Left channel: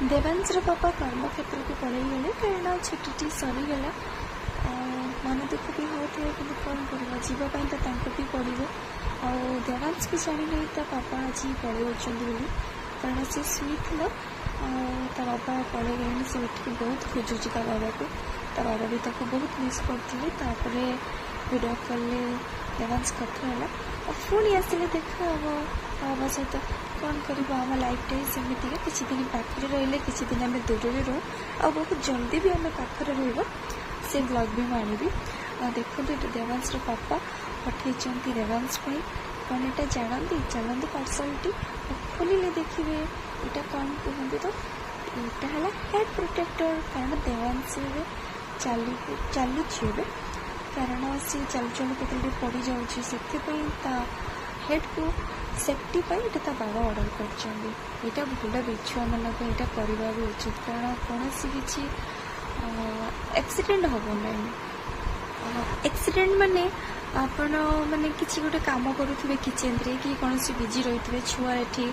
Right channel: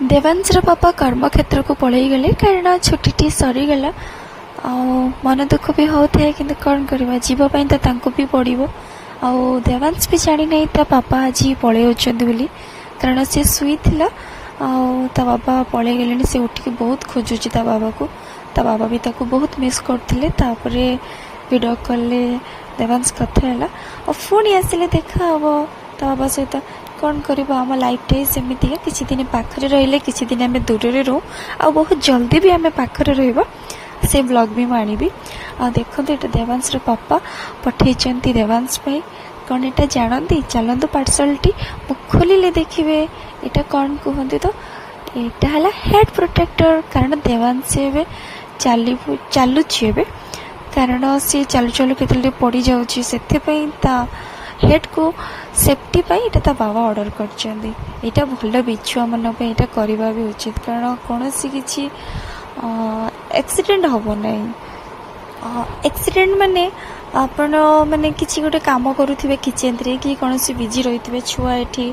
देवांशर पापा कर्मक्षेत्र को पलि गले कारण छुट्टी सरीगला। मन दुख भी होता है कि कौन करवा जीवाई तो भी पड़ो। देवांश भी जानी नहीं ता पापा आज पलि बोली कारण सी शुई ता बाबा पलि गले से उठिक बहुत खोजुची ता बाबा को। ता बाबा भी ताको बहुत मिस करते वीडियो कॉल देवांश कथा है और पुणी आसिले देखा हम ता बाबा सहित कौन कर आम लाइफटा सेमती किसी दिन पाखे रही किसी दिन आम दूर रो आ बहुत जल्दी भी आम पाखे रहा से ब्लॉग भी मुझे आ देखो ये देवांश पापा पठे देवांश भाई कौन यहाँ जानती चलतु पार्सलटी खोलिले देखिए यहाँ कौन कहते तो यहाँ है हेड प्रोटेक्टर कारण देवांश चलुची कारण सी चलु चलु के पड़ जाऊँगी से हेड को सेफ्टी पाई ता बाबा ऑर्डर कर भल बिछुआ मन यहाँ करवा भी उचित कारण कौन सी किसी एक्सीडेंट हम ना एक्सीडेंट माने आपण माने किसी गोटे काम करुवे किचेन रे कि कौन सी बिजी रही थे छुआ ये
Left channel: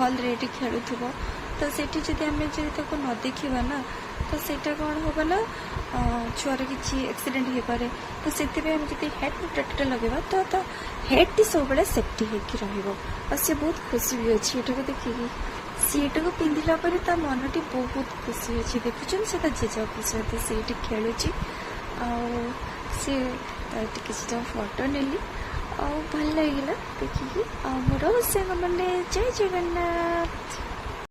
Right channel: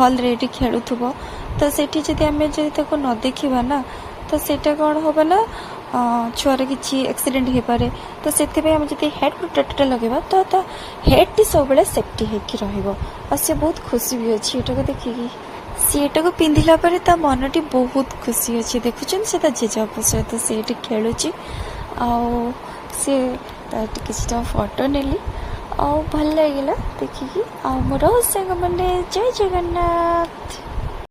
हल रे खेलुव तो सेठी जदि आम न देखा ना तो सेटा कौन हम ना छुआर किसी एक्सीडेंट हो पारे तो से आम जो हेड प्रोटेक्टर लगेगा तो हेड टी सब सेफ्टी होगी सी बहुत खुशी भी अच्छी एटा को देखिए सी एटा को पिंधिला पर ता मनटी बहुत खुशी अच्छी देखुन से जेजेबापा सहित सी खेलुची सी किसी फोटो नेली आ भल लगे देखिकी आ मोर सांग मैंने जय जगन्नाथ।